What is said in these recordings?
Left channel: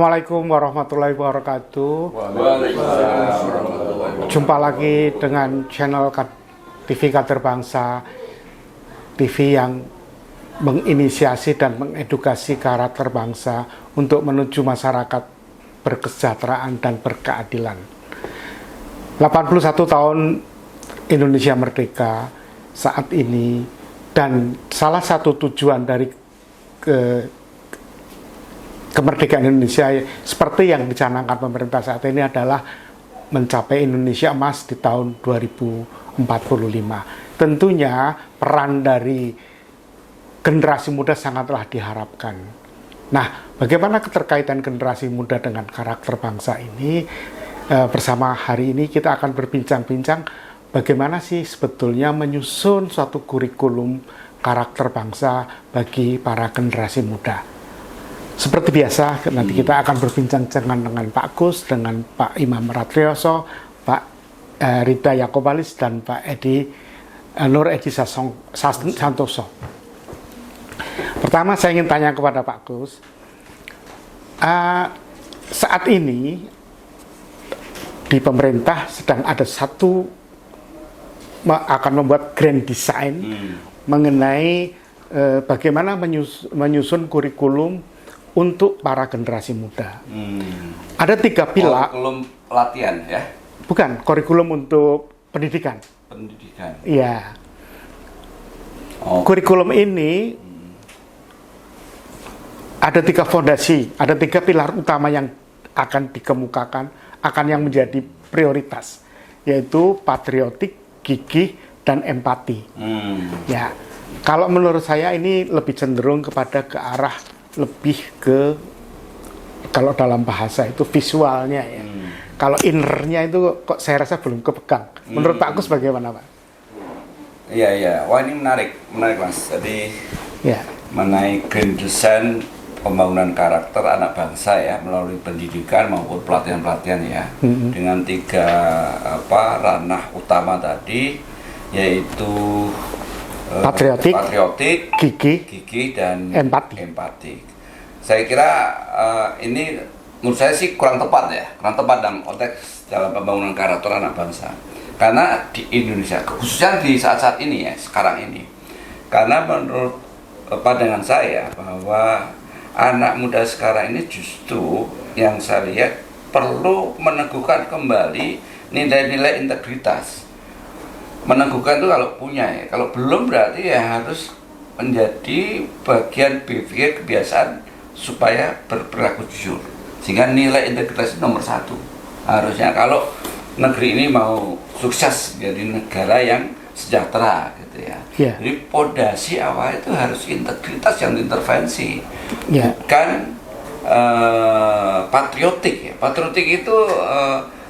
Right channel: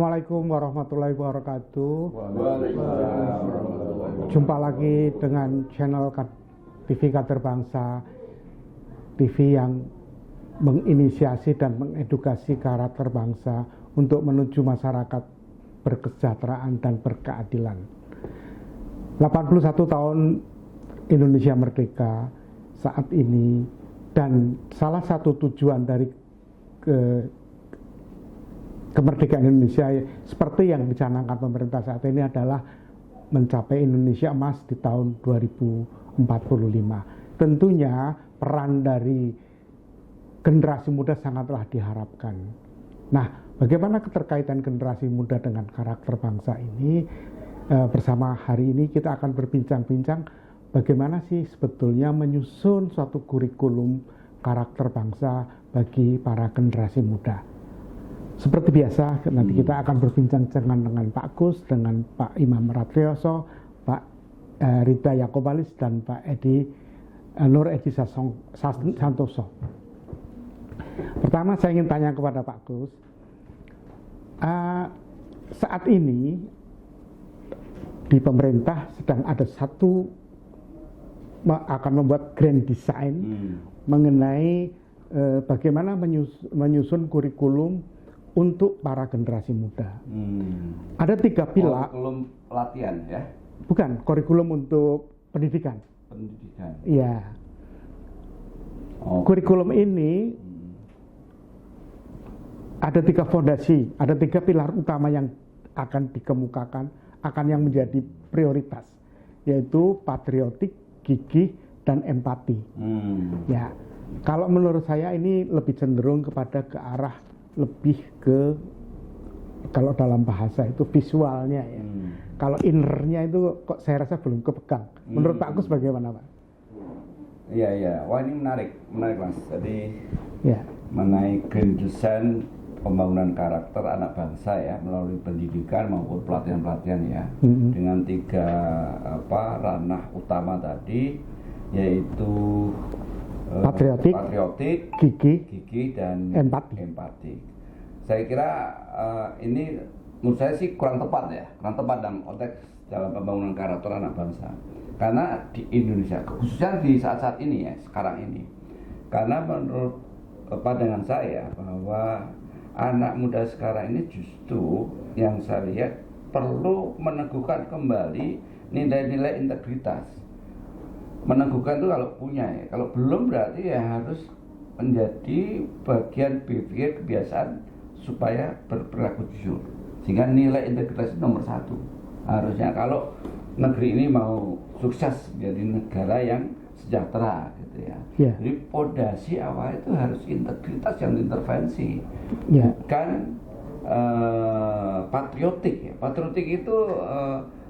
Assalamualaikum warahmatullahi wabarakatuh. Waalaikumsalam warahmatullahi wabarakatuh. Jumpa lagi dengan channel TV Kader Bangsa, TV yang menginisiasi dan mengedukasi karakter bangsa untuk menuju masyarakat berkesejahteraan dan berkeadilan. 81 tahun Indonesia merdeka saat ini, dan salah satu tujuan dari kemerdekaan Indonesia seperti yang dicanangkan pemerintah saat ini adalah mencapai Indonesia emas di tahun 2045. Tentunya peran dari generasi muda sangatlah diharapkan. Nah, bagaimana keterkaitan generasi muda dengan karakter bangsa ini? Bersama hari ini kita akan berbincang-bincang bagaimana sih sebetulnya menyusun suatu kurikulum karakter bangsa bagi para generasi muda. Seperti biasa, nanti kita akan berbincang dengan Pak Gus, dengan Pak Imam Ratrioso, Pak Rida Yakobalis, dan Pak Nur Edi Santoso. Pertama, saya ingin tanya kepada Pak Gus, saat ini di pemerintah sedang ada akan membuat grand design mengenai bagaimana menyusun kurikulum untuk para generasi muda. Ada 3 pilar. Kurikulum latihan ya? Bukan, kurikulum untuk pendidikan. Pendidikan. Iya. Oh. Kurikulum ini ada 3 fondasi, ada 3 pilar utama yang akan dikemukakan, akan yang menjadi prioritas, yaitu patriotik, gigih, dan empati. Ya, kalau menurut saya ini lebih cenderung kepada ke arah lebih ke, kalau dalam bahasa itu visualnya ya. Kalau innernya itu kok saya rasa belum kepegang. Menurut Pak Gus bagaimana, Pak? Iya. Wah, ini menarik Mas. Jadi Ya. mengenai grand design pembangunan karakter anak bangsa ya, melalui pendidikan maupun pelatihan-pelatihan ya, dengan 3 ranah utama tadi, yaitu patriotik, gigih, dan empati. Saya kira ini menurut saya sih kurang tepat dalam konteks dalam pembangunan karakter anak bangsa. Karena di Indonesia, khususnya di saat-saat ini ya, sekarang ini, karena menurut pandangan saya bahwa anak muda sekarang ini justru yang saya lihat perlu meneguhkan kembali nilai-nilai integritas. Meneguhkan itu kalau punya ya, kalau belum berarti ya harus menjadi bagian berpikir kebiasaan supaya berperilaku jujur, sehingga nilai integritas itu nomor 1 harusnya kalau negeri ini mau sukses jadi negara yang sejahtera gitu ya. Jadi pondasi awal itu harus integritas yang diintervensi, bukan patriotik ya. Patriotik itu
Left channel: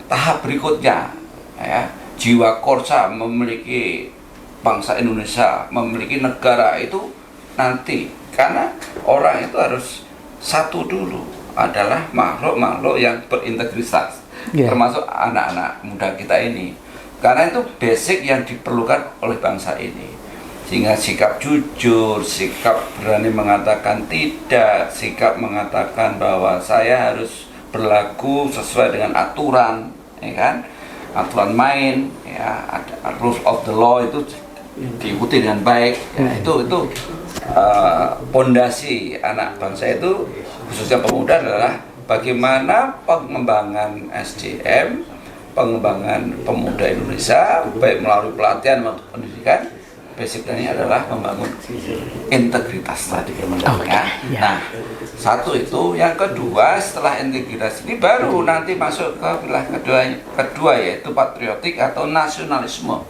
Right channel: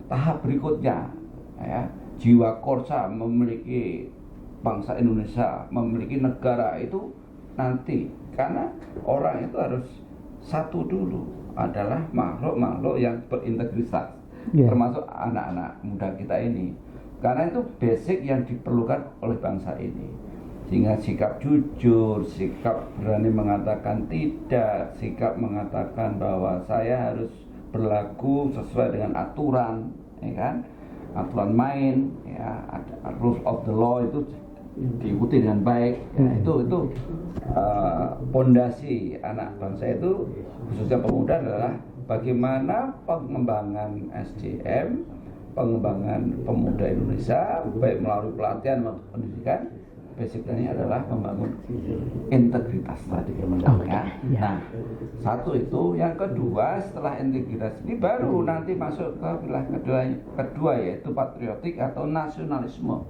tahap berikutnya ya. Jiwa korsa memiliki bangsa Indonesia, memiliki negara itu nanti, karena orang itu harus satu dulu, adalah makhluk-makhluk yang berintegritas, termasuk anak-anak muda kita ini, karena itu basic yang diperlukan oleh bangsa ini, sehingga sikap jujur, sikap berani mengatakan tidak, sikap mengatakan bahwa saya harus berlaku sesuai dengan aturan, ya kan? Aturan main ya, ada rules of the law itu diikuti dengan baik ya, itu pondasi anak bangsa itu, khususnya pemuda, adalah bagaimana pengembangan SDM, pengembangan pemuda Indonesia baik melalui pelatihan maupun pendidikan. Basicnya adalah membangun integritas tadi ya. Nah, 1 itu. Yang kedua, setelah integritas ini baru nanti masuk ke pilar kedua yaitu patriotik atau nasionalisme,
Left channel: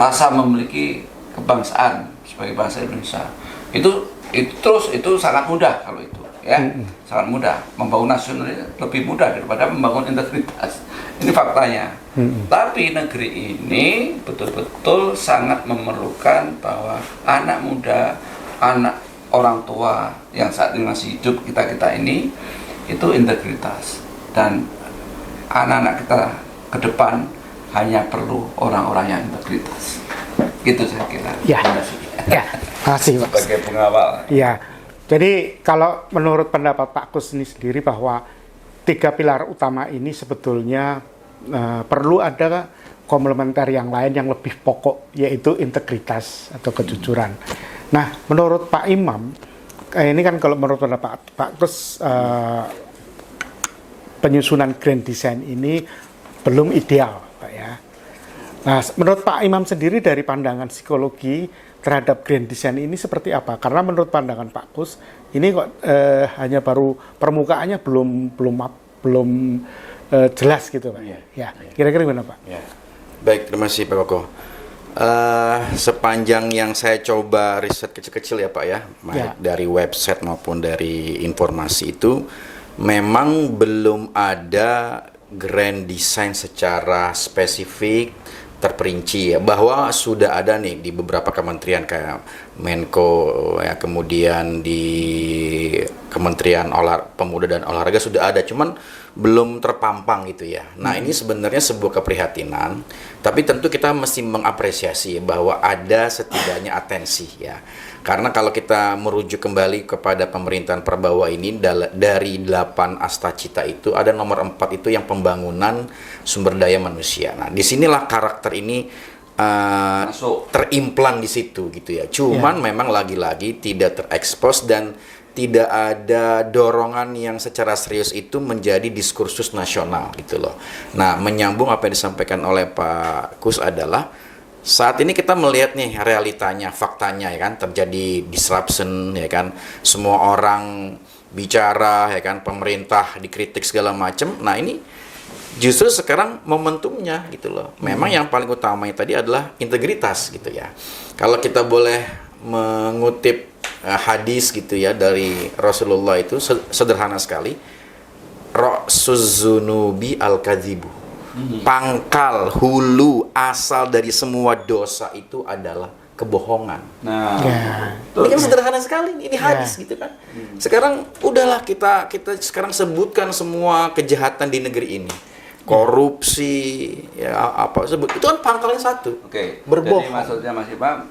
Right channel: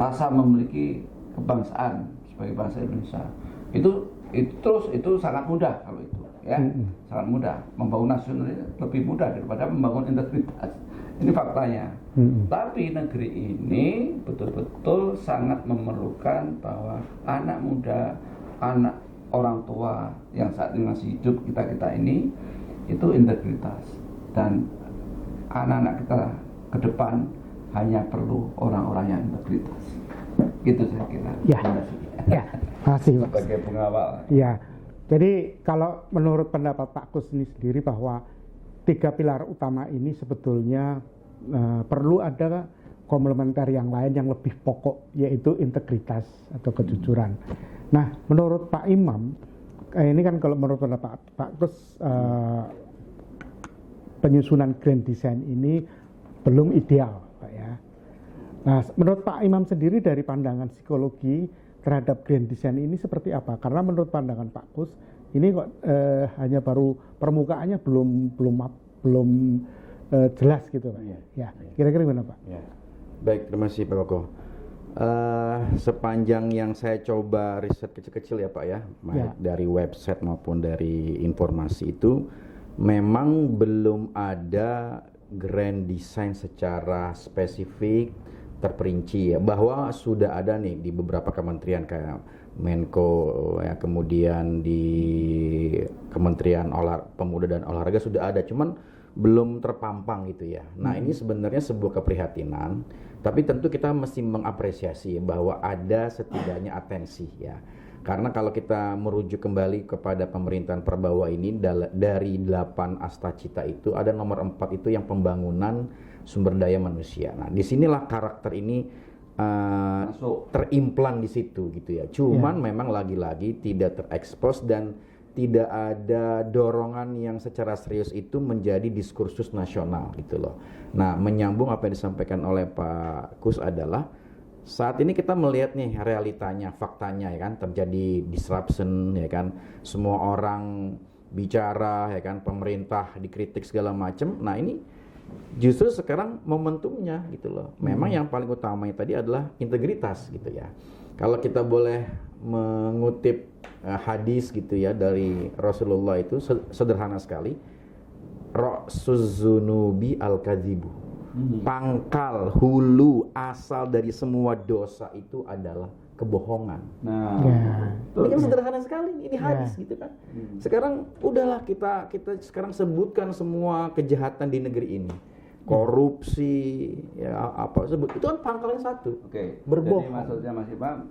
rasa memiliki kebangsaan sebagai bangsa Indonesia. Itu sangat mudah kalau itu ya, sangat mudah. Membangun nasionalisme lebih mudah daripada membangun integritas. Ini faktanya. Tapi negeri ini betul-betul sangat memerlukan bahwa anak muda, anak orang tua yang saat ini masih hidup, kita ini, itu integritas. Dan anak-anak kita ke depan hanya perlu orang-orang yang integritas. Gitu saya kira. Ya. Terima kasih, Pak. Sebagai pengawal. Ya. Jadi kalau menurut pendapat Pak Kus ini sendiri bahwa 3 pilar utama ini sebetulnya perlu ada komplementer yang lain yang lebih pokok, yaitu integritas atau kejujuran. Nah, menurut Pak Imam, ini kan kalau menurut pendapat Pak Kus, penyusunan grand design ini belum ideal, Pak ya. Nah, menurut Pak Imam sendiri dari pandangan psikologi terhadap grand design ini seperti apa? Karena menurut pandangan Pak Kus ini kok hanya baru permukaannya belum jelas gitu, Pak. Ya, kira-kira gimana, Pak? Ya. Baik, terima kasih Pak Koko. Sepanjang yang saya coba riset kecil-kecil ya Pak ya, baik dari website maupun dari informasi itu, memang belum ada grand design secara spesifik terperinci ya, bahwa sudah ada nih di beberapa kementerian kayak Menko ya, kemudian di Kementerian Pemuda dan Olahraga sudah ada, cuman belum terpampang gitu ya. Nah, ini sebenarnya sebuah keprihatinan, tapi tentu kita mesti mengapresiasi bahwa ada setidaknya atensi ya. Karena kalau kita merujuk kembali kepada pemerintahan Prabowo ini, dari 8 astacita itu ada nomor 4 itu yang pembangunan sumber daya manusia. Nah, disinilah karakter ini terimplan di situ gitu ya. Cuman memang lagi-lagi tidak terekspos dan tidak ada dorongan yang secara serius itu menjadi diskursus nasional gitu loh. Nah, menyambung apa yang disampaikan oleh Pak Kus adalah saat ini kita melihat nih realitanya, faktanya ya kan, terjadi disruption ya kan, semua orang bicara ya kan, pemerintah dikritik segala macam. Nah, ini justru sekarang momentumnya gitu loh. Memang yang paling utamanya tadi adalah integritas gitu ya. Kalau kita boleh mengutip hadis gitu ya dari Rasulullah, itu sederhana sekali. Ra'suz-zunubi al-kadzibu. Pangkal, hulu, asal dari semua dosa itu adalah kebohongan. Nah, ini kan sederhana sekali, ini hadis gitu kan. Sekarang udahlah kita sekarang sebutkan semua kejahatan di negeri ini. Korupsi, ya apa sebut, itu kan pangkalnya satu. Oke. Berbohong. Jadi maksudnya Mas Imam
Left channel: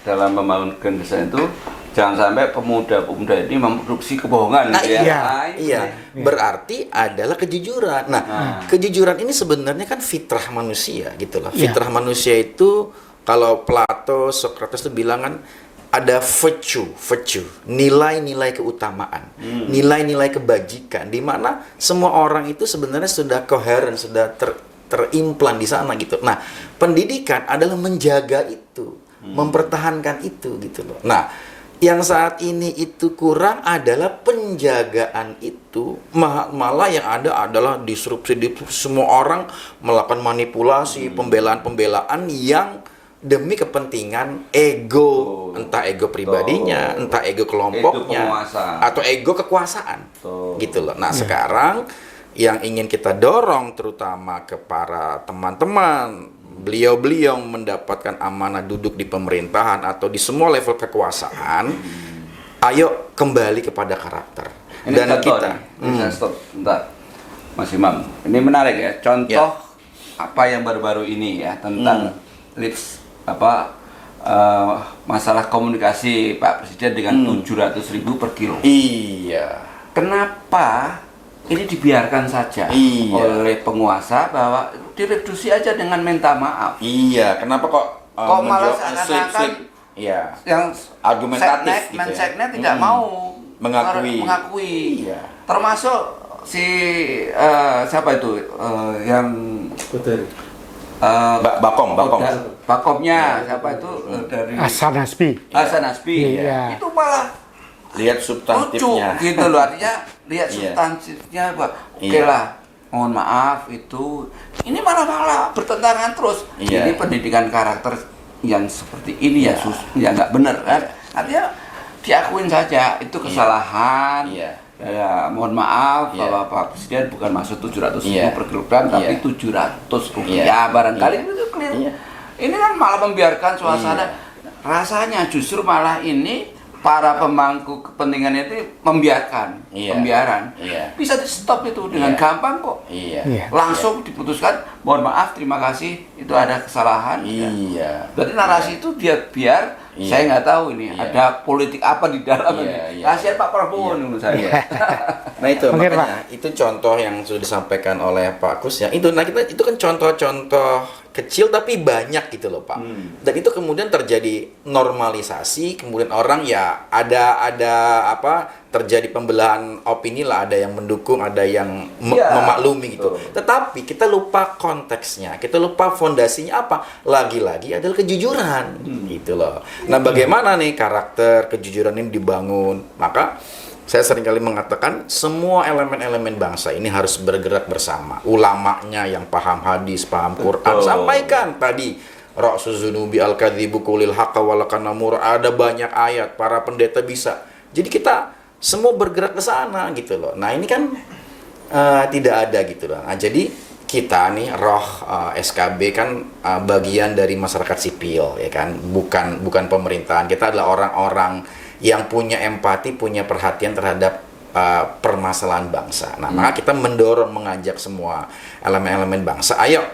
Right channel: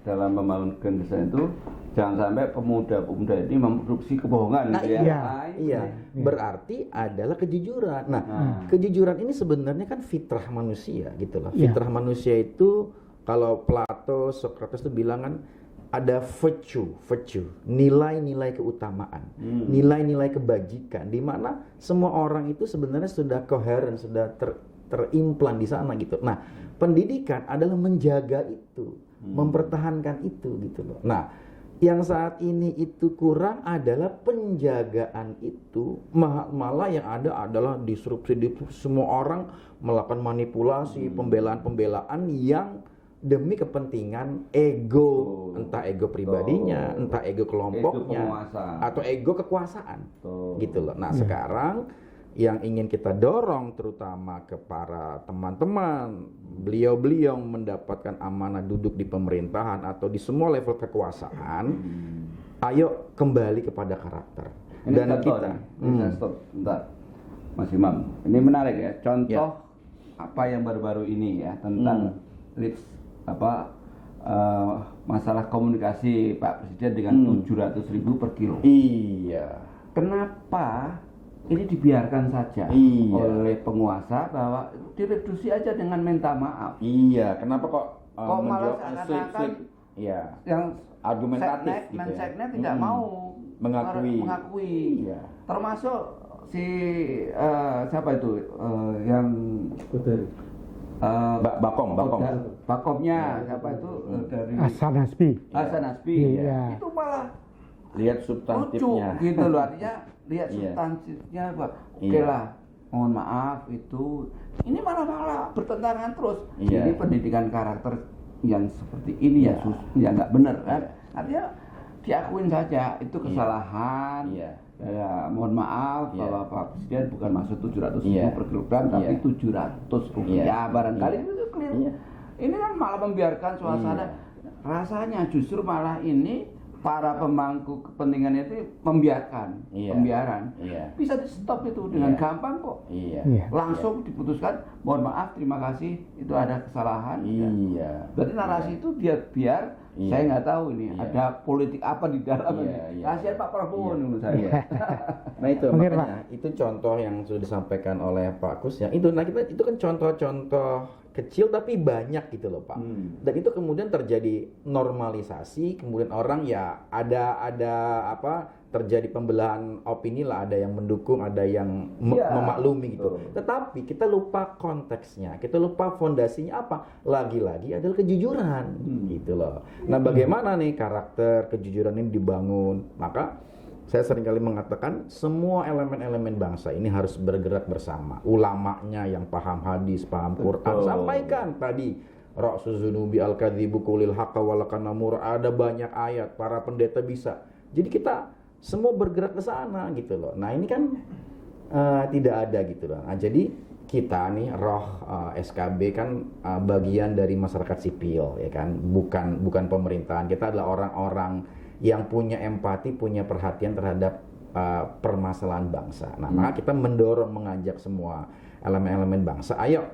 dalam membangun grand design itu jangan sampai pemuda-pemuda ini memproduksi kebohongan. Nah, gitu ya. iya. Berarti adalah kejujuran. Nah, kejujuran ini sebenarnya kan fitrah manusia gitu loh. Fitrah manusia itu kalau Plato, Socrates itu bilang kan ada virtue, nilai-nilai keutamaan, nilai-nilai kebajikan, di mana semua orang itu sebenarnya sudah koheren, sudah terimplan di sana gitu. Nah, pendidikan adalah menjaga itu, mempertahankan itu gitu loh. Nah, yang saat ini itu kurang adalah penjagaan itu, malah yang ada adalah disrupsi, semua orang melakukan manipulasi, pembelaan-pembelaan yang demi kepentingan ego, entah ego pribadinya, entah ego kelompoknya, atau ego kekuasaan, gitu loh. Nah, sekarang yang ingin kita dorong terutama ke para teman-teman, beliau-beliau mendapatkan amanah duduk di pemerintahan atau di semua level kekuasaan, ayo kembali kepada karakter. Ini Dan contoh kita, stop, bentar, Mas Imam. Ini menarik ya, contoh apa yang baru-baru ini ya tentang masalah komunikasi Pak Presiden dengan 700.000 per kilo. Iya. Kenapa ini dibiarkan saja oleh penguasa bahwa direduksi aja dengan minta maaf? Iya. Kenapa kok malah seakan-akan yang argumentatif gitu Menseknek tidak mau mengakui. Iya. Termasuk si siapa itu yang Bakomnya siapa itu dari Hasan Nasbi. Iya. Itu malah lihat substantifnya gitu loh, artinya lihat substantifnya oke lah, mohon maaf itu ini malah bertentangan terus. Jadi pendidikan karakter yang seperti ini ya nggak benar kan, artinya diakuin saja itu kesalahan. Ya, mohon maaf bahwa Pak Presiden bukan maksud 700.000 per kilogram, tapi 700 rupiah barangkali itu clear. Ini kan malah membiarkan suasana. Rasanya justru malah ini para pemangku kepentingan itu membiarkan pembiaran. Bisa di stop itu dengan gampang kok. Langsung diputuskan, mohon maaf, terima kasih, itu ada kesalahan. Berarti narasi itu biar Saya nggak tahu ini ada politik apa di dalam ini. Iya. Kasihan Pak Prabowo menurut saya. Nah itu Mungkin, makanya itu contoh yang sudah disampaikan oleh Pak Kus ya. Itu itu kan contoh-contoh kecil tapi banyak gitu loh Pak. Dan itu kemudian terjadi normalisasi, kemudian orang ya ada apa terjadi pembelahan opini lah, ada yang mendukung, ada yang memaklumi gitu. Tetapi kita lupa konteksnya, kita lupa fondasinya apa. Lagi-lagi adalah kejujuran gitu loh. Nah, bagaimana nih karakter kejujuran ini dibangun? Maka saya seringkali mengatakan semua elemen-elemen bangsa ini harus bergerak bersama. Ulamanya yang paham hadis, paham Quran, sampaikan tadi Ra'su zunubi al-kadzibu qulil haqqa walakanamur, ada banyak ayat, para pendeta bisa. Jadi kita semua bergerak ke sana gitu loh. Nah, ini kan tidak ada gitu loh. Nah, jadi kita nih roh SKB kan bagian dari masyarakat sipil ya kan, bukan pemerintahan. Kita adalah orang-orang yang punya empati, punya perhatian terhadap permasalahan bangsa. Nah, maka kita mendorong, mengajak semua elemen-elemen bangsa, ayo.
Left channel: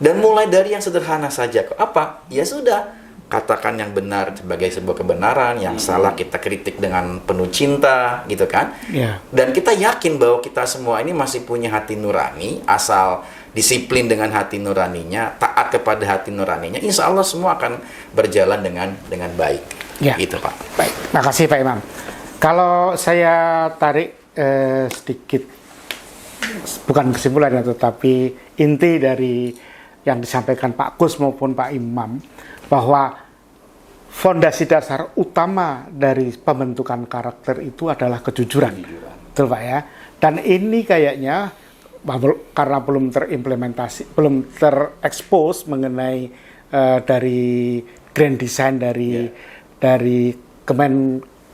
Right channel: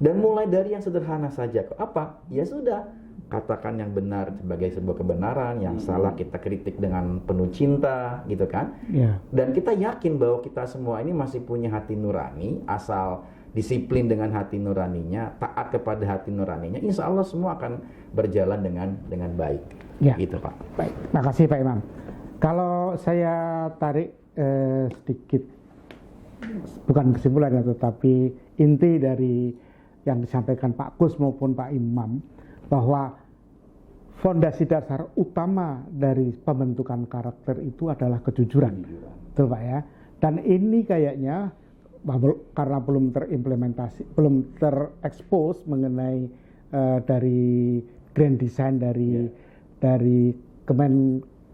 Dan mulai dari yang sederhana saja. Apa? Ya sudah, katakan yang benar sebagai sebuah kebenaran, yang salah kita kritik dengan penuh cinta, gitu kan? Yeah. Dan kita yakin bahwa kita semua ini masih punya hati nurani, asal disiplin dengan hati nuraninya, taat kepada hati nuraninya, insya Allah semua akan berjalan dengan baik. Ya. Gitu Pak. Baik, makasih Pak Imam. Kalau saya tarik sedikit, bukan kesimpulan tetapi inti dari yang disampaikan Pak Kus maupun Pak Imam, bahwa fondasi dasar utama dari pembentukan karakter itu adalah kejujuran. Betul Pak ya? Dan ini kayaknya karena belum terimplementasi, belum terekspos mengenai dari grand design dari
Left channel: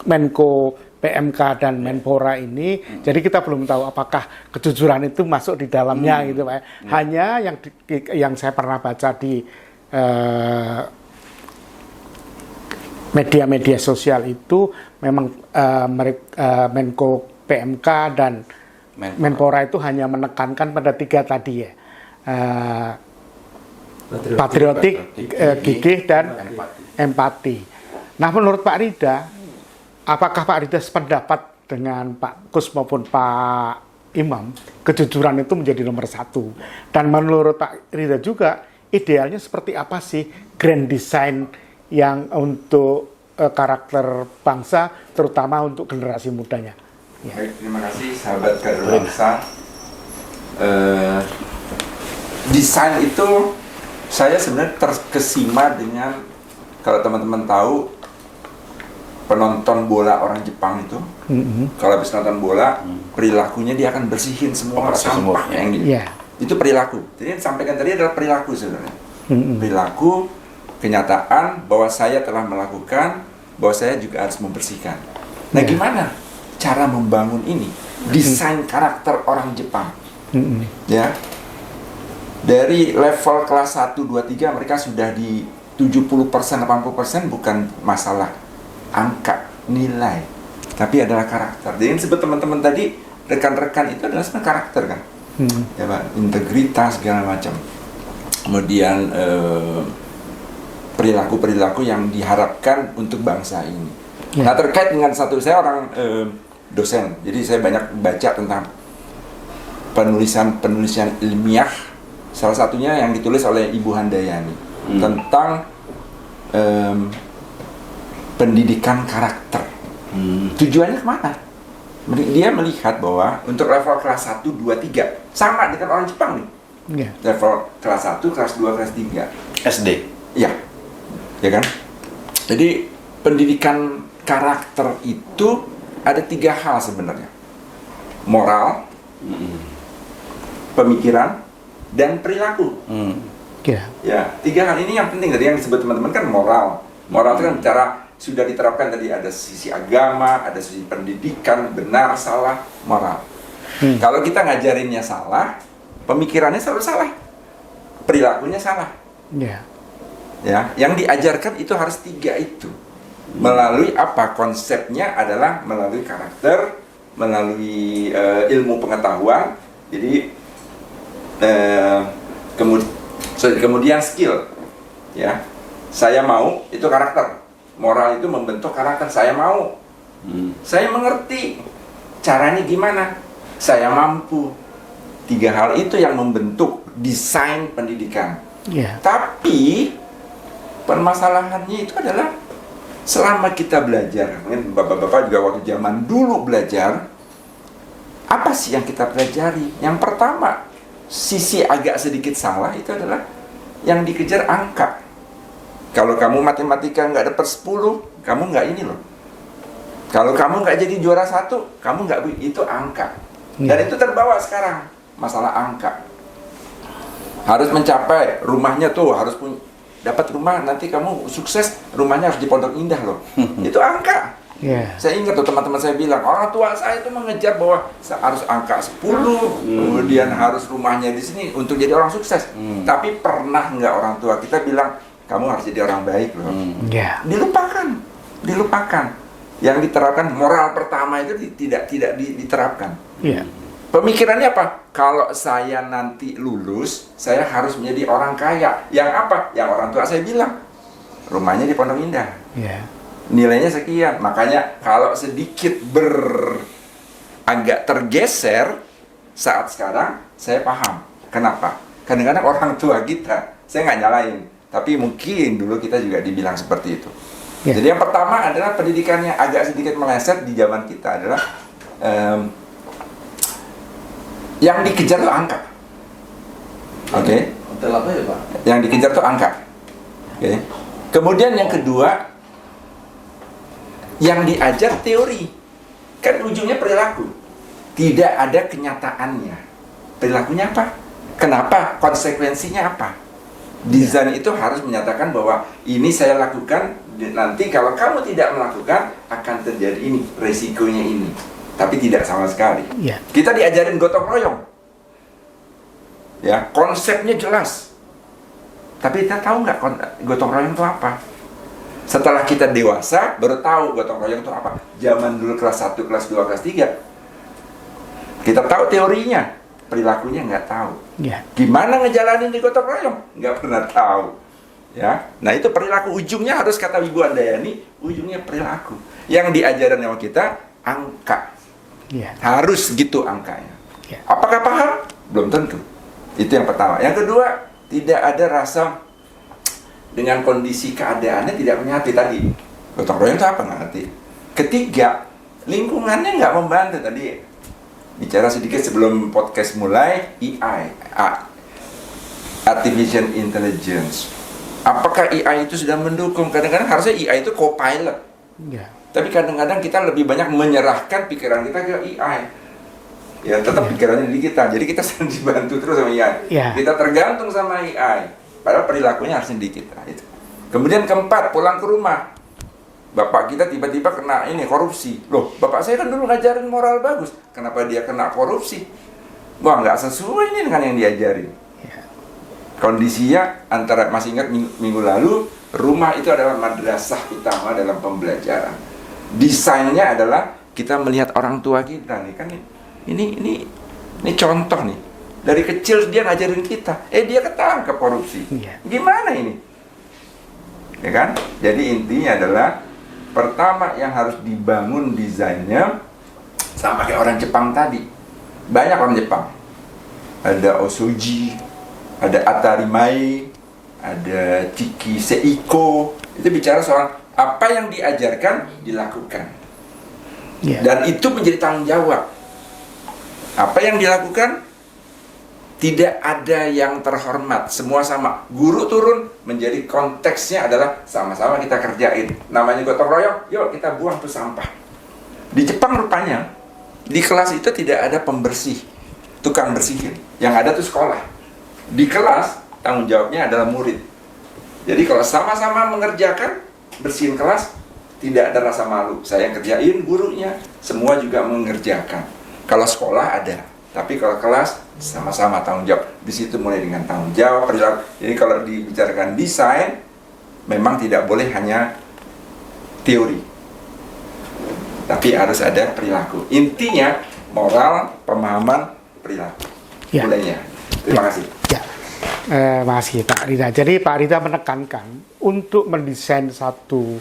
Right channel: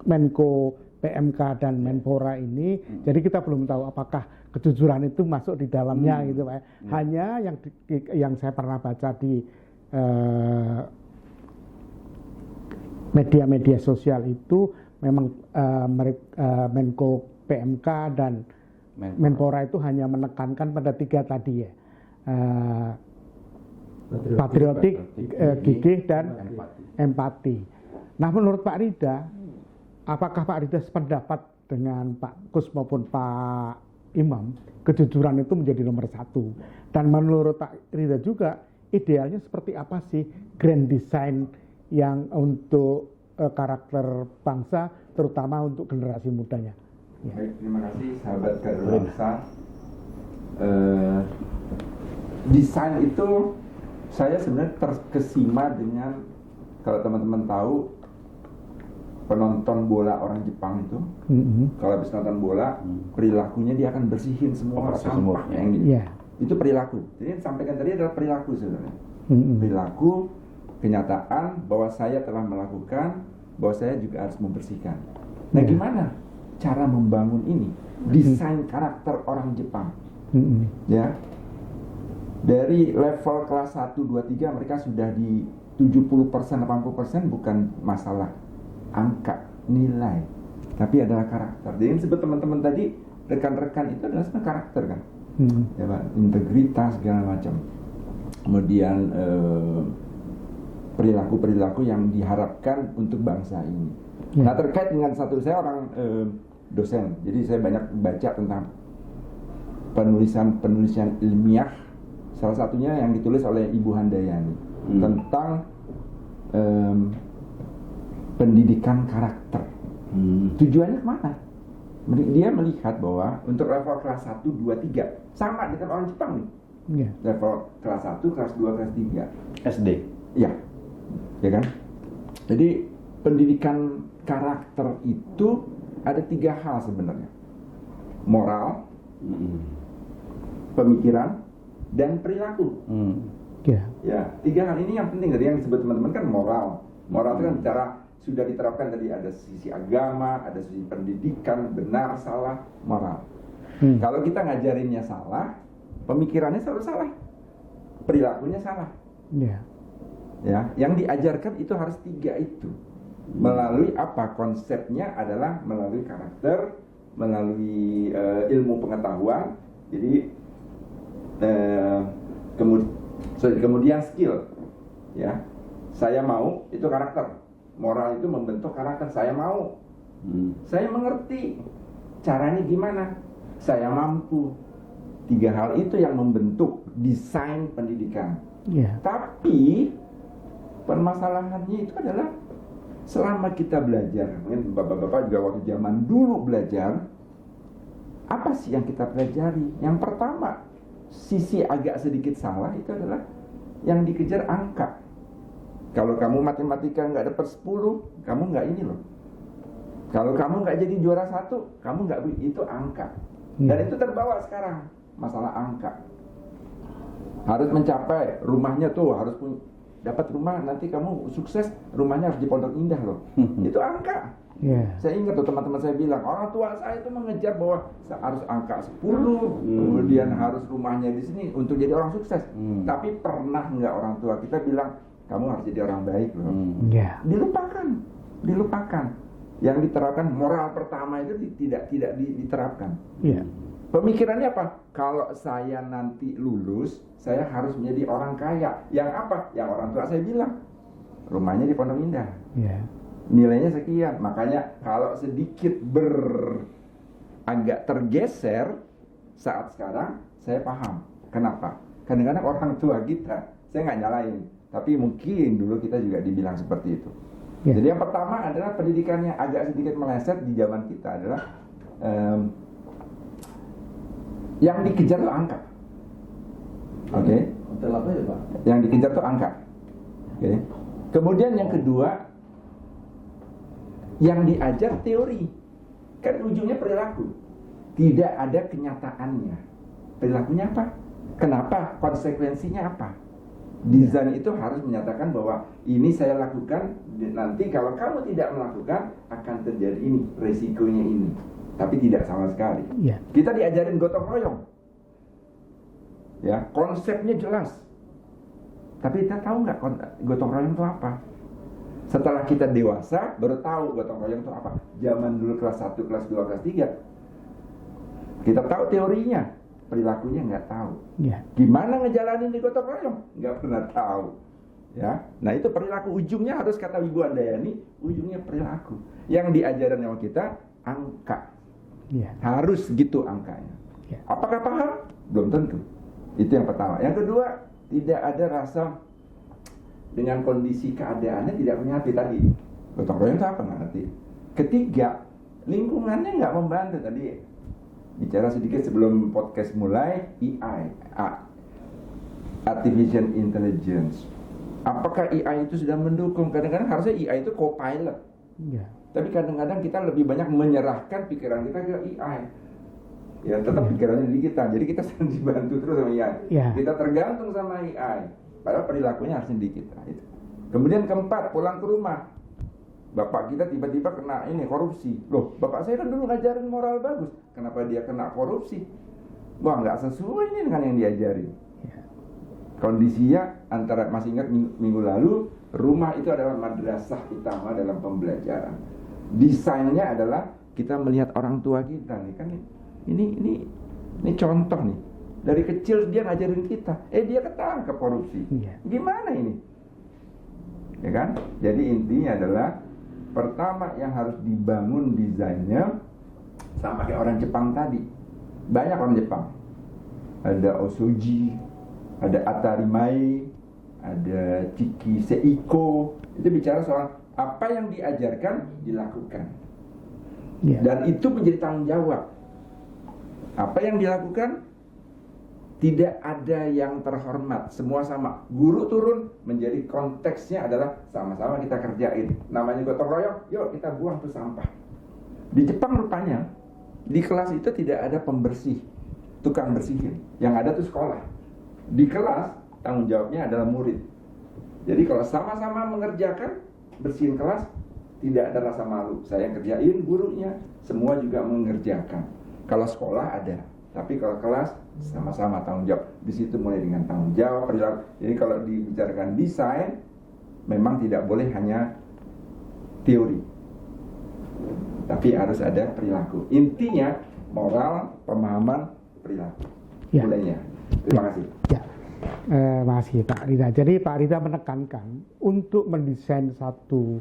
Menko PMK dan Menpora ini, jadi kita belum tahu apakah kejujuran itu masuk di dalamnya gitu Pak. Hanya yang saya pernah baca di media-media sosial itu memang Menko PMK dan Menpora itu hanya menekankan pada 3 tadi ya, patriotik, gigih dan empati. Nah, menurut Pak Rida, apakah Pak Rida sependapat dengan Pak Kus maupun Pak Imam, kejujuran itu menjadi nomor 1? Dan menurut Pak Rida juga, idealnya seperti apa sih grand design yang untuk karakter bangsa, terutama untuk generasi mudanya? Ya. Baik, terima kasih sahabat kader bangsa. Desain itu saya sebenarnya terkesima dengan, kalau teman-teman tahu, penonton bola orang Jepang itu, kalau habis nonton bola, perilakunya dia akan bersihin semua sampah yang gitu. Yeah. Itu perilaku. Jadi yang disampaikan tadi adalah perilaku sebenarnya. Perilaku, kenyataan bahwa saya telah melakukan, bahwa saya juga harus membersihkan. Nah, gimana cara membangun ini? Desain karakter orang Jepang. Ya. Dari level kelas 1, 2, 3 mereka sudah di 70%, 80% bukan masalah angka, nilai, tapi adalah karakter. Jadi yang disebut teman-teman tadi, rekan-rekan itu adalah sebenarnya karakter kan. Ya Pak, integritas segala macam. Kemudian perilaku-perilaku yang diharapkan untuk bangsa ini. Nah, terkait dengan saya orang dosen, jadi saya banyak baca tentang penulisan ilmiah. Salah satunya yang ditulis oleh Ibu Handayani tentang pendidikan karakter. Tujuannya kemana? Dia melihat bahwa untuk level kelas 1, 2, 3 sama dengan orang Jepang nih. Level kelas 1, kelas 2, kelas 3 SD. Ya, ya kan? Jadi pendidikan karakter itu ada 3 hal sebenarnya: moral, pemikiran, dan perilaku. Ya, 3 hal ini yang penting. Tadi yang disebut teman-teman kan moral. Moral itu kan bicara sudah diterapkan tadi, ada sisi agama, ada sisi pendidikan, benar, salah, moral. Kalau kita ngajarinnya salah, pemikirannya selalu salah, perilakunya salah. Ya, yang diajarkan itu harus 3 itu. Melalui apa? Konsepnya adalah melalui karakter, melalui ilmu pengetahuan. Jadi kemudian skill. Ya, saya mau itu karakter. moral itu membentuk karakter. Saya mau, saya mengerti caranya gimana, saya mampu. 3 hal itu yang membentuk desain pendidikan. Ya. Tapi permasalahannya itu adalah selama kita belajar, mungkin bapak-bapak juga waktu zaman dulu belajar, apa sih yang kita pelajari? Yang pertama, sisi agak sedikit salah itu adalah yang dikejar angka. Kalau kamu matematika nggak dapat 10, kamu nggak ini loh. Kalau kamu nggak jadi juara 1, kamu nggak, itu angka. Dan itu terbawa sekarang, masalah angka. Harus mencapai rumahnya tuh, harus punya, dapat rumah, nanti kamu sukses, rumahnya harus di Pondok Indah loh. Itu angka. Yeah. Saya ingat tuh teman-teman saya bilang, orang tua saya itu mengejar bahwa harus angka 10, kemudian harus rumahnya di sini untuk jadi orang sukses. Tapi pernah nggak orang tua kita bilang, kamu harus jadi orang baik loh. Yeah. Dilupakan. Yang diterapkan moral pertama itu tidak diterapkan. Yeah. Pemikirannya apa? Kalau saya nanti lulus, saya harus menjadi orang kaya. Yang apa? Yang orang tua saya bilang, rumahnya di Pondok Indah. Yeah. Nilainya sekian. Makanya kalau sedikit agak tergeser saat sekarang, saya paham. Kenapa? Kadang-kadang orang tua kita, saya nggak nyalain, tapi mungkin dulu kita juga dibilang seperti itu. Ya. Jadi yang pertama adalah pendidikannya agak sedikit meleset di zaman kita adalah yang dikejar tuh angka. Oke? Hotel apa ya Pak? Yang dikejar tuh angka. Oke? Kemudian yang kedua, yang diajar teori, kan ujungnya perilaku, tidak ada kenyataannya. Perilakunya apa? Kenapa? Konsekuensinya apa? Desain itu harus menyatakan bahwa ini saya lakukan, nanti kalau kamu tidak melakukan akan terjadi ini, resikonya ini. Tapi tidak sama sekali. Yeah. Kita diajarin gotong royong, ya konsepnya jelas. Tapi kita tahu nggak gotong royong itu apa? Setelah kita dewasa, baru tahu gotong royong itu apa. Zaman dulu kelas 1, kelas 2, kelas 3, kita tahu teorinya, perilakunya nggak tahu. Yeah. Gimana ngejalanin di gotong royong? Nggak pernah tahu. Ya, nah itu perilaku, ujungnya harus kata Ibu Andayani, ujungnya perilaku. Yang diajarin sama kita, angka. Yeah. Harus gitu angkanya. Yeah. Apakah paham? Belum tentu. Itu yang pertama. Yang kedua, tidak ada rasa dengan kondisi keadaannya tidak punya hati tadi. Gotong royong itu apa? Nggak ngerti. Ketiga, lingkungannya nggak membantu tadi. Bicara sedikit sebelum podcast mulai, Artificial Intelligence. Apakah AI itu sudah mendukung? Kadang-kadang harusnya AI itu co-pilot. Yeah. Tapi kadang-kadang kita lebih banyak menyerahkan pikiran kita ke AI. Ya tetap pikirannya di kita. Jadi kita sering dibantu terus sama AI. Yeah. Kita tergantung sama AI. Padahal perilakunya harusnya di kita. Itu. Kemudian keempat, pulang ke rumah. Bapak kita tiba-tiba kena ini korupsi. Loh, bapak saya kan dulu ngajarin moral bagus. Kenapa dia kena korupsi? Wah, nggak sesuai ini dengan yang diajarin. Yeah. Kondisinya antara, masih ingat minggu lalu, rumah itu adalah madrasah utama dalam pembelajaran. Desainnya adalah kita melihat orang tua kita nih kan ini contoh nih. Dari kecil dia ngajarin kita, dia ketangkep korupsi. Yeah. Gimana ini? Ya kan? Jadi intinya adalah pertama yang harus dibangun desainnya sama kayak orang Jepang tadi. Banyak orang Jepang. Ada Osoji, ada Atarimai, ada Chiki Seiko. Itu bicara soal apa yang diajarkan dilakukan. Yeah. Dan itu menjadi tanggung jawab. Apa yang dilakukan tidak ada yang terhormat, semua sama. Guru turun menjadi konteksnya adalah sama-sama kita kerjain. Namanya gotong royong, yuk kita buang tuh sampah. Di Jepang rupanya di kelas itu tidak ada pembersih, tukang bersihin. Yang ada tuh sekolah. Di kelas tanggung jawabnya adalah murid. Jadi kalau sama-sama mengerjakan bersihin kelas, tidak ada rasa malu. Saya yang kerjain, gurunya, semua juga mengerjakan. Kalau sekolah ada. Tapi kalau kelas sama-sama tanggung jawab. Di situ mulai dengan tanggung jawab perilaku. Jadi kalau dibicarakan desain, memang tidak boleh hanya teori, tapi harus ada perilaku. Intinya moral, pemahaman, perilaku. Ya. Mulainya. Terima kasih. Ya. Makasih Pak Rida. Jadi Pak Rida menekankan untuk mendesain satu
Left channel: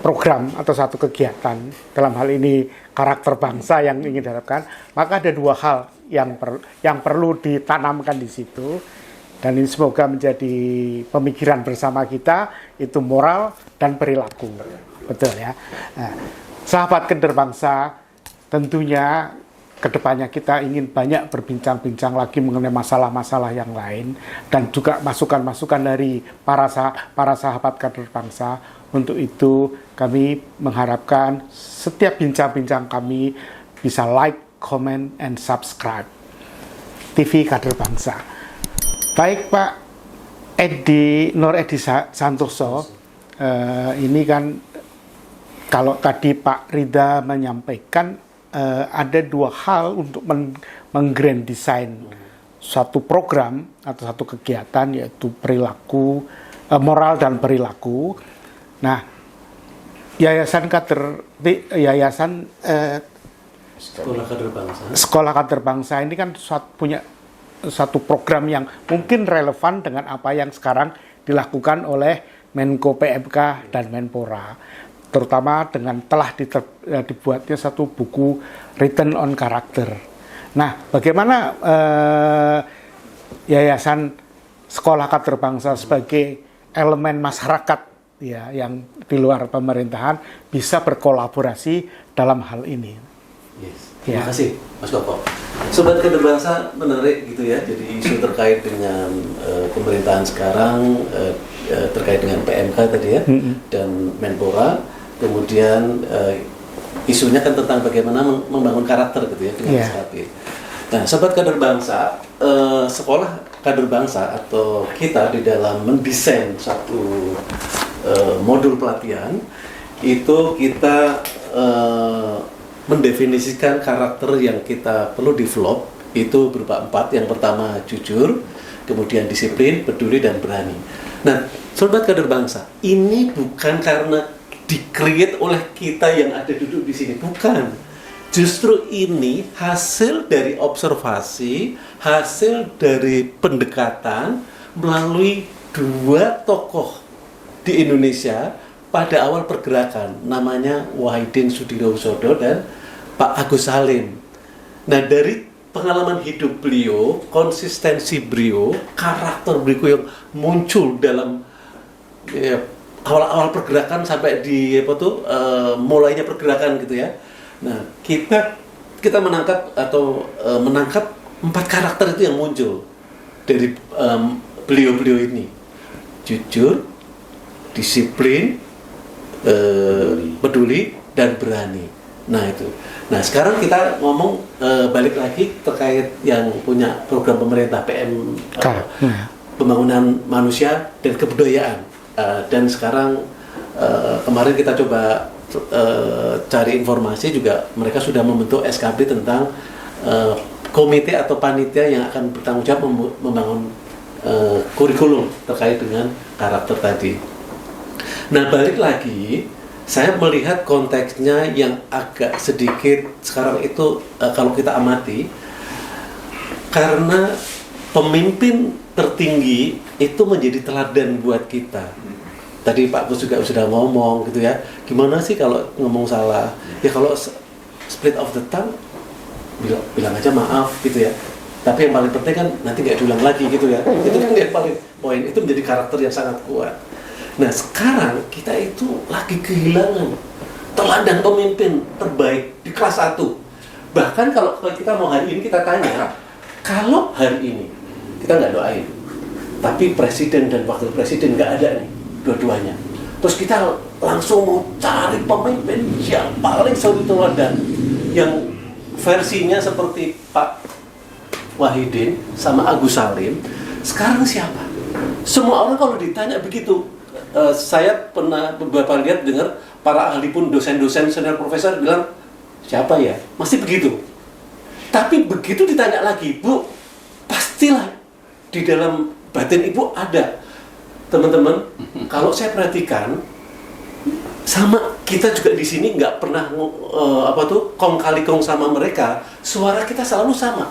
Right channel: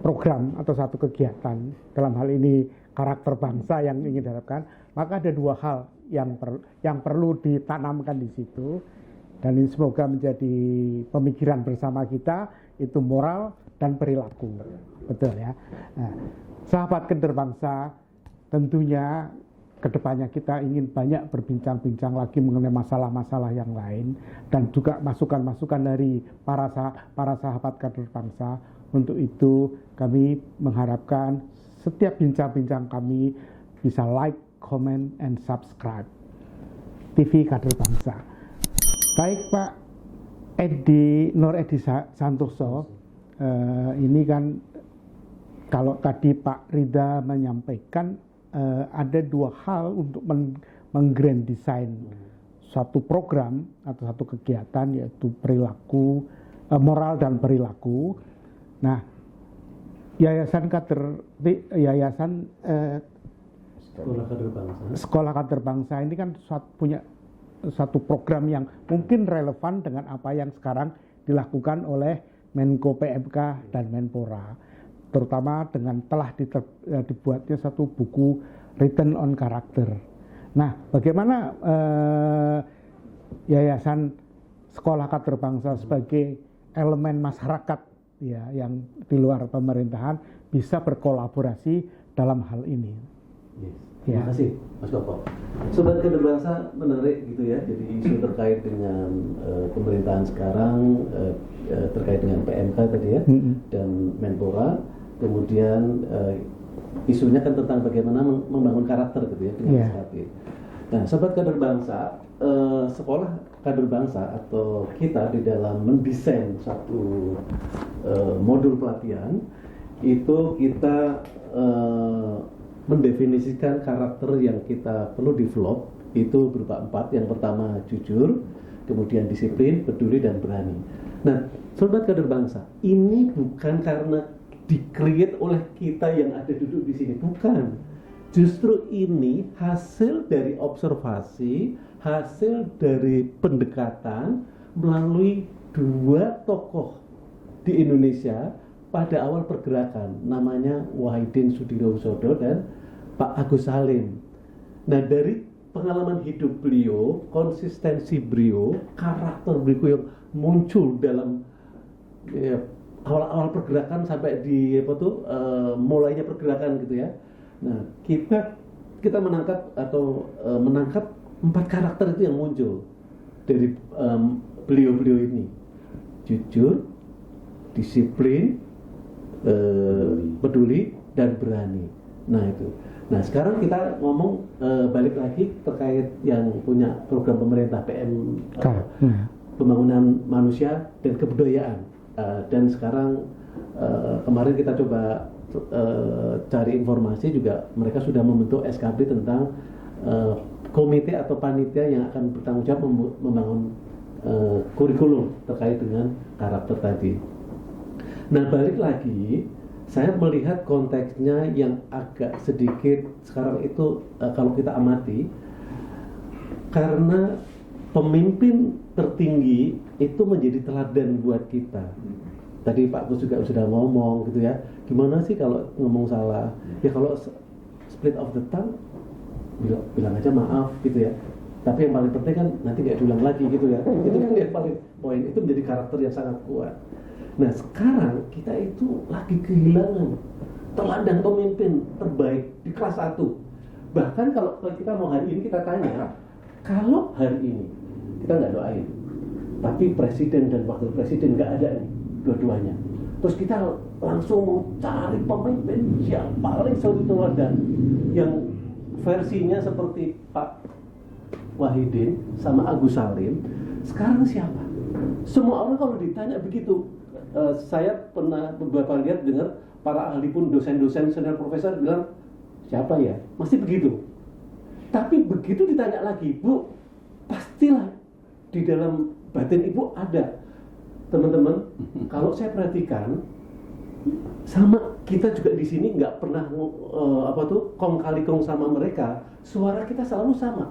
program atau satu kegiatan, dalam hal ini karakter bangsa yang ingin diharapkan, maka ada dua hal yang perlu ditanamkan di situ, dan ini semoga menjadi pemikiran bersama kita, itu moral dan perilaku. Betul ya. Nah, sahabat kader bangsa, tentunya kedepannya kita ingin banyak berbincang-bincang lagi mengenai masalah-masalah yang lain, dan juga masukan-masukan dari para sahabat kader bangsa. Untuk itu kami mengharapkan setiap bincang-bincang kami bisa like, comment, and subscribe TV Kader Bangsa. Baik Pak Nur Edi Santoso, ini kan kalau tadi Pak Rida menyampaikan ada dua hal untuk menggrand design suatu program atau satu kegiatan, yaitu perilaku, moral dan perilaku. Nah, Sekolah Kader Bangsa ini kan punya satu program yang mungkin relevan dengan apa yang sekarang dilakukan oleh Menko PMK dan Menpora, terutama dengan telah dibuatnya satu buku Written on Character. Nah, bagaimana Yayasan Sekolah Kader Bangsa sebagai elemen masyarakat ya yang di luar pemerintahan bisa berkolaborasi dalam hal ini? Yes. Terima kasih Mas Koko. Sobat Kader Bangsa, menarik gitu ya. Jadi isu terkait dengan pemerintahan sekarang, terkait dengan PMK tadi ya, dan Menpora. Kemudian isunya kan tentang bagaimana membangun karakter gitu ya dengan SKB. Nah, Sobat Kader Bangsa, Sekolah Kader Bangsa atau kita di dalam mendesain satu modul pelatihan itu kita mendefinisikan karakter yang kita perlu develop itu berupa 4. Yang pertama jujur, kemudian disiplin, peduli, dan berani. Nah, Sobat Kader Bangsa, ini bukan karena di-create oleh kita yang ada duduk di sini, bukan. Justru ini hasil dari observasi, hasil dari pendekatan melalui 2 tokoh di Indonesia pada awal pergerakan, namanya Wahidin Sudirohusodo dan Pak Agus Salim. Nah, dari pengalaman hidup beliau, konsistensi beliau, karakter beliau yang muncul dalam awal-awal pergerakan sampai di mulainya pergerakan gitu ya. Nah, kita menangkap 4 karakter itu yang muncul dari beliau-beliau ini. Jujur, disiplin, peduli, dan berani. Nah, itu. Nah, sekarang kita ngomong balik lagi terkait yang punya program pemerintah pembangunan manusia dan kebudayaan. Dan sekarang kemarin kita coba cari informasi juga, mereka sudah membentuk SKB tentang komite atau panitia yang akan bertanggung jawab membangun kurikulum terkait dengan karakter tadi. Nah, balik lagi, saya melihat konteksnya yang agak sedikit sekarang itu kalau kita amati, karena pemimpin tertinggi itu menjadi teladan buat kita. Tadi Pak Gus juga sudah ngomong gitu ya, gimana sih kalau ngomong salah? Ya kalau split of the tongue, bilang aja maaf gitu ya. Tapi yang paling penting kan nanti nggak diulang lagi gitu ya. Itu kan yang paling poin, itu menjadi karakter yang sangat kuat. Nah, sekarang kita itu lagi kehilangan teladan pemimpin terbaik di kelas 1. Bahkan kalau kita mau hari ini kita tanya, kalau hari ini kita nggak doain, tapi presiden dan wakil presiden nggak ada nih, dua-duanya. Terus kita langsung mau cari pemimpin yang paling suri teladan, yang versinya seperti Pak Wahidin sama Agus Salim. Sekarang siapa? Semua orang kalau ditanya begitu, saya pernah beberapa lihat dengar para ahli pun, dosen-dosen, senior profesor bilang, siapa ya? Masih begitu. Tapi begitu ditanya lagi, Bu, pastilah di dalam batin Ibu ada. Teman-teman, kalau saya perhatikan, sama kita juga di sini nggak pernah kong kali kong sama mereka, suara kita selalu sama.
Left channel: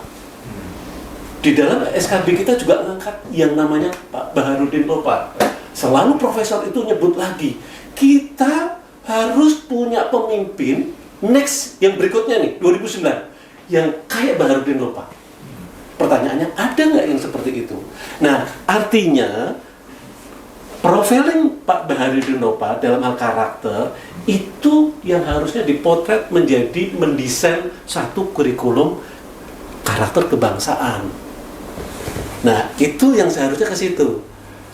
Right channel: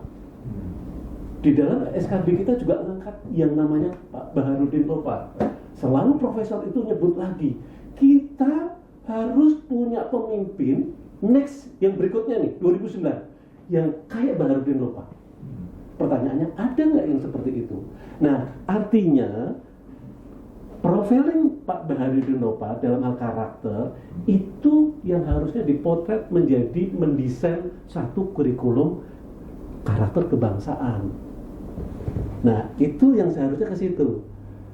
Di dalam SKB kita juga ngangkat yang namanya Pak Baharudin Lopa. Selalu profesor itu nyebut lagi, kita harus punya pemimpin next yang berikutnya nih 2009 yang kayak Baharudin Lopa. Pertanyaannya, ada nggak yang seperti itu? Nah, artinya profiling Pak Baharudin Lopa dalam hal karakter itu yang harusnya dipotret menjadi mendesain satu kurikulum karakter kebangsaan. Nah, itu yang seharusnya ke situ.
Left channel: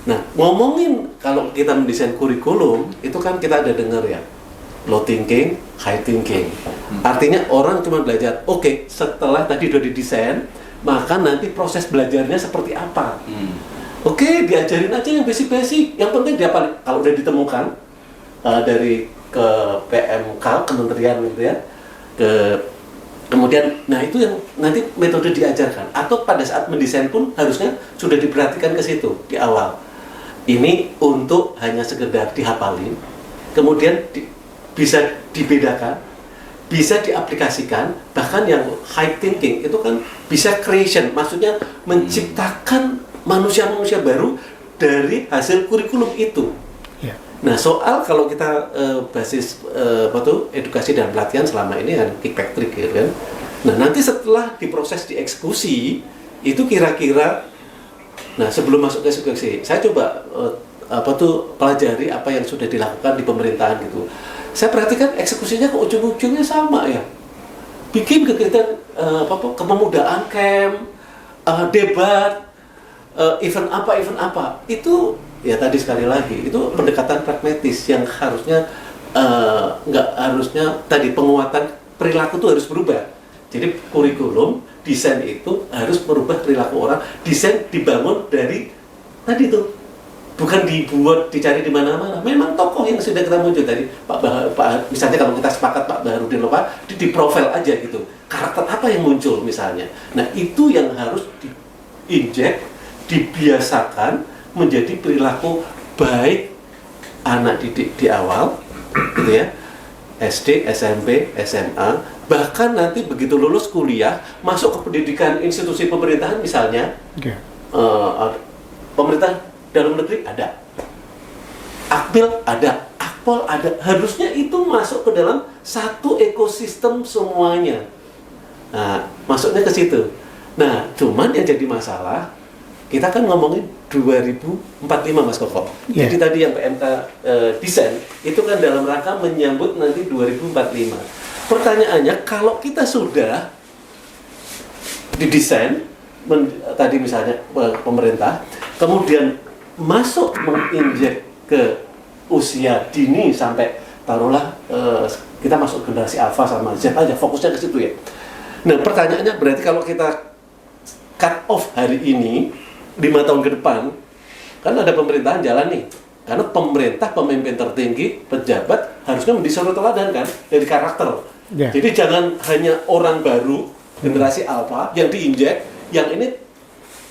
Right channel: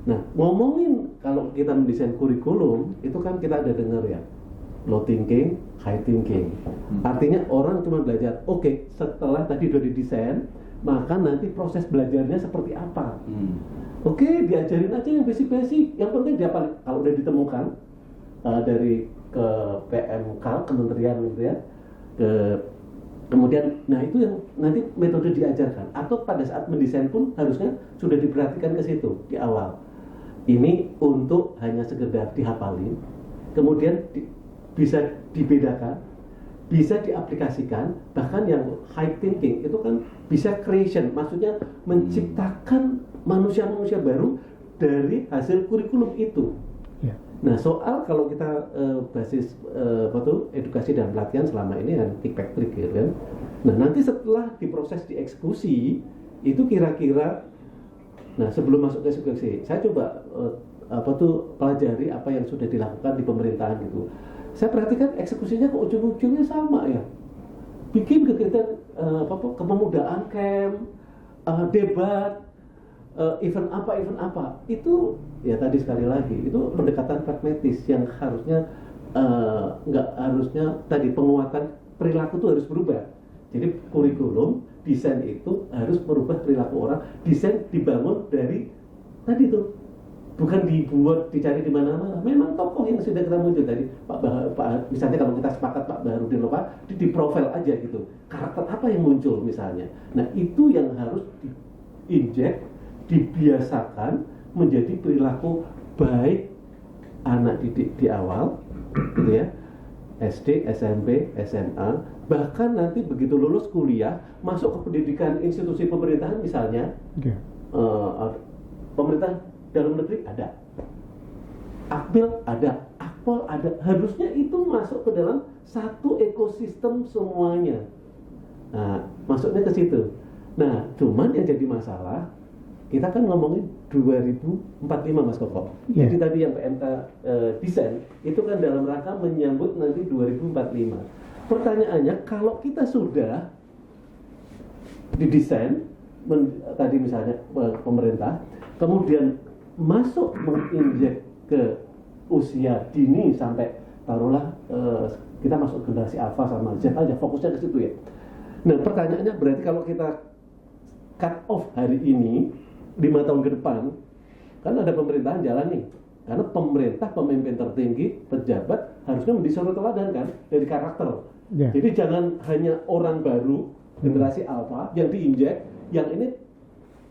Nah, ngomongin kalau kita mendesain kurikulum, itu kan kita ada dengar ya, low thinking, high thinking. Artinya orang cuma belajar, oke, setelah tadi udah didesain, maka nanti proses belajarnya seperti apa. Oke, diajarin aja yang basic-basic. Yang penting dia paling, kalau udah ditemukan dari ke PMK, kementerian gitu ya, kemudian, nah itu yang nanti metode diajarkan. Atau pada saat mendesain pun harusnya sudah diperhatikan ke situ di awal. Ini untuk hanya sekedar dihafalin, kemudian bisa dibedakan, bisa diaplikasikan, bahkan yang high thinking itu kan bisa creation, maksudnya menciptakan manusia-manusia baru dari hasil kurikulum itu. Ya. Nah, soal kalau kita basis edukasi dan pelatihan selama ini kan kickback trick gitu kan. Nah, nanti setelah diproses dieksekusi itu kira-kira, nah sebelum masuk ke eksekusi, saya coba pelajari apa yang sudah dilakukan di pemerintahan gitu. Saya perhatikan eksekusinya ke ujung-ujungnya sama ya. Bikin kegiatan kepemudaan camp, debat, event apa itu ya tadi sekali lagi itu pendekatan pragmatis yang harusnya nggak harusnya tadi penguatan perilaku itu harus berubah. Jadi kurikulum desain itu harus merubah perilaku orang. Desain dibangun dari tadi itu bukan dibuat dicari di mana-mana. Memang tokoh yang sudah kita muncul tadi Pak misalnya kalau kita sepakat Pak Baharudin Lopa di profil aja gitu. Karakter apa yang muncul misalnya. Nah, itu yang harus diinjek, dibiasakan menjadi perilaku baik anak didik di awal gitu ya. SD, SMP, SMA, bahkan nanti begitu lulus kuliah, masuk ke pendidikan institusi pemerintahan misalnya, pemerintah dalam negeri ada, Akmil ada, Akpol ada, harusnya itu masuk ke dalam satu ekosistem semuanya. Nah, masuknya ke situ. Nah, cuman yang jadi masalah, kita kan ngomongin 2045 Mas Koko. Yeah. Jadi tadi yang PMK desain itu kan dalam rangka menyambut nanti 2045. Pertanyaannya, kalau kita sudah didesain tadi misalnya pemerintah, kemudian masuk menginjek ke usia dini sampai taruhlah kita masuk generasi Alpha sama Z aja, fokusnya ke situ ya. Nah, pertanyaannya berarti kalau kita cut off hari ini 5 tahun ke depan, kan ada pemerintahan jalan nih. Karena pemerintah, pemimpin tertinggi, pejabat harusnya mendesain teladan kan dari karakter. Yeah. Jadi jangan hanya orang baru generasi alpha yang diinjek, yang ini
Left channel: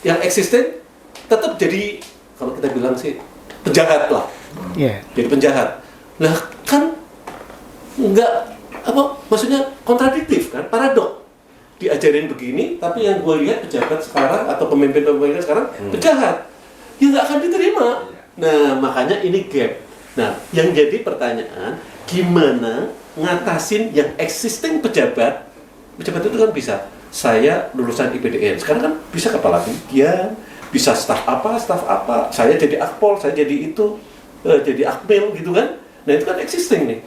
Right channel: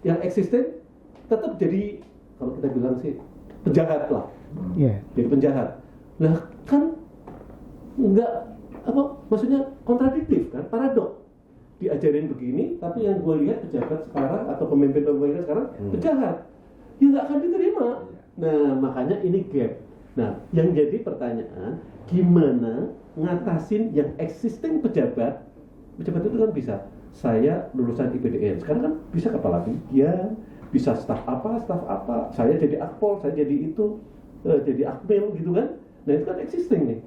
yang existing tetap jadi kalau kita bilang sih penjahat lah. Yeah. Jadi penjahat. Nah, kan enggak maksudnya kontradiktif kan, paradok. Diajarin begini, tapi yang gue lihat pejabat sekarang atau pemimpin-pemimpin sekarang penjahat, ya nggak akan diterima. Nah, makanya ini gap. Nah, yang jadi pertanyaan, gimana ngatasin yang existing pejabat itu kan bisa, saya lulusan IPDN, sekarang kan bisa kepala bagian, bisa staf apa, saya jadi akpol, saya jadi itu, jadi akmil gitu kan. Nah, itu kan existing nih.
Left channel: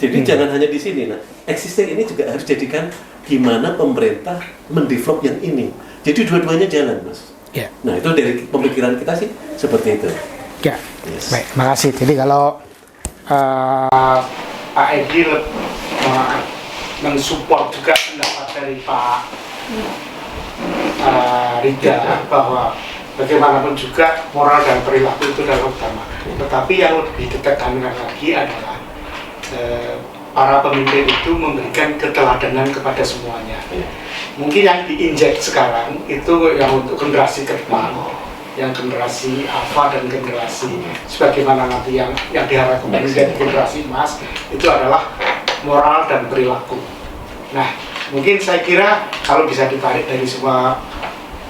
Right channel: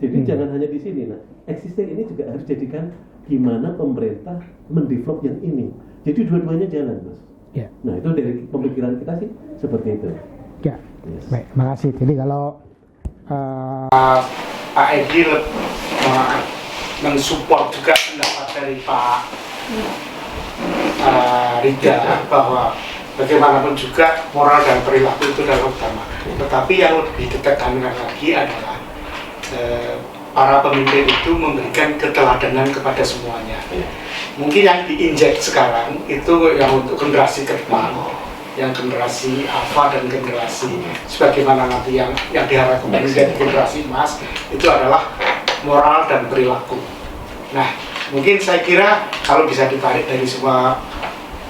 Jadi jangan hanya di sini. Nah, existing ini juga harus jadikan gimana pemerintah mendevelop yang ini. Jadi dua-duanya jalan, Mas. Ya. Nah, itu dari pemikiran kita sih seperti itu. Ya. Yes. Baik, makasih. Jadi kalau Pak Edi mensupport juga pendapat dari Pak Rida bahwa bagaimanapun juga moral dan perilaku itu adalah utama. Tetapi yang lebih ditekankan lagi adalah para pemimpin itu memberikan keteladanan kepada semuanya. Mungkin yang diinjek sekarang itu yang untuk generasi ke depan, yang generasi alpha dan generasi sebagaimana nanti yang diharapkan menjadi generasi emas itu adalah moral dan perilaku. Nah, mungkin saya kira kalau bisa ditarik dari semua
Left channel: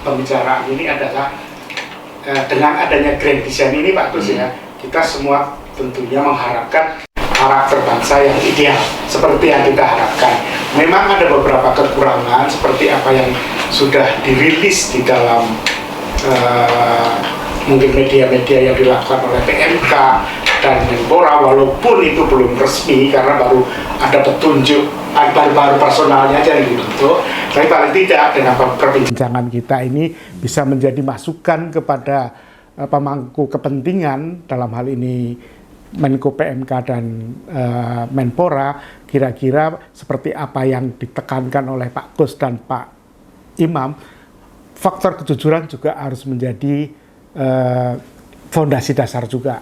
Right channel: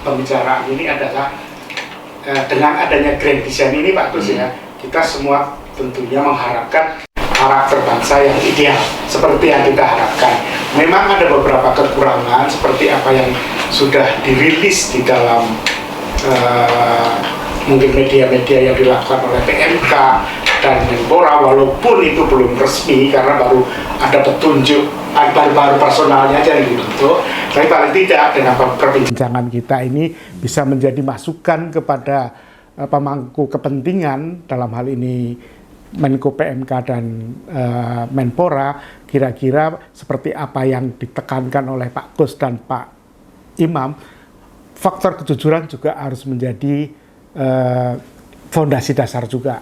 pembicaraan ini adalah dengan adanya grand design ini Pak Gus ya, kita semua tentunya mengharapkan karakter bangsa yang ideal seperti yang kita harapkan. Memang ada beberapa kekurangan seperti apa yang sudah dirilis di dalam mungkin media-media yang dilakukan oleh PMK dan Menpora, walaupun itu belum resmi karena baru ada petunjuk, baru personalnya aja yang dibentuk, tapi paling tidak dengan perbincangan kita ini bisa menjadi masukan kepada pemangku kepentingan, dalam hal ini Menko PMK dan Menpora, kira-kira seperti apa yang ditekankan oleh Pak Kus dan Pak Imam. Faktor kejujuran juga harus menjadi fondasi dasar juga.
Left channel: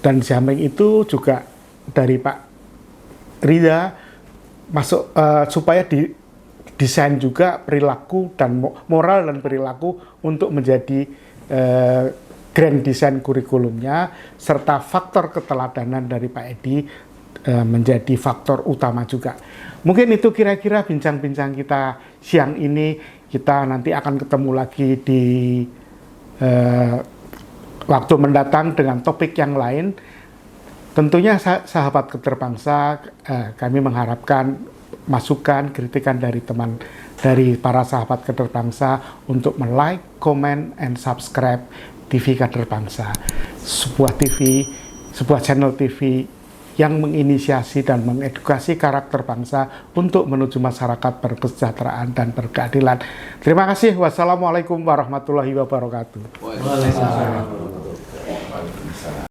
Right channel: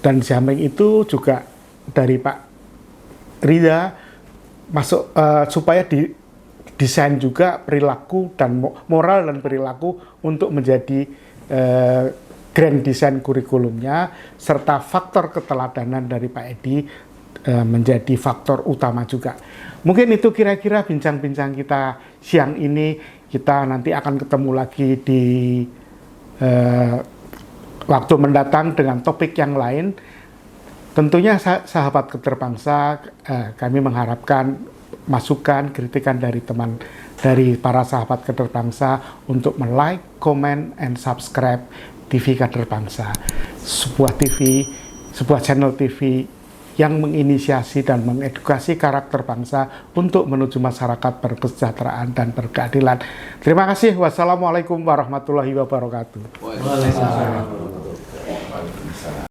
Dan di samping itu juga dari Pak Rida masuk supaya desain juga perilaku dan moral dan perilaku untuk menjadi grand design kurikulumnya, serta faktor keteladanan dari Pak Edi menjadi faktor utama juga. Mungkin itu kira-kira bincang-bincang kita siang ini. Kita nanti akan ketemu lagi di waktu mendatang dengan topik yang lain. Tentunya sahabat Keterbangsa, kami mengharapkan masukan, kritikan dari para sahabat Keterbangsa untuk like, comment, and subscribe TV Keterbangsa, sebuah channel TV yang menginisiasi dan mengedukasi karakter bangsa untuk menuju masyarakat berkesejahteraan dan berkeadilan. Terima kasih. Wassalamualaikum warahmatullahi wabarakatuh. Waalaikumsalam.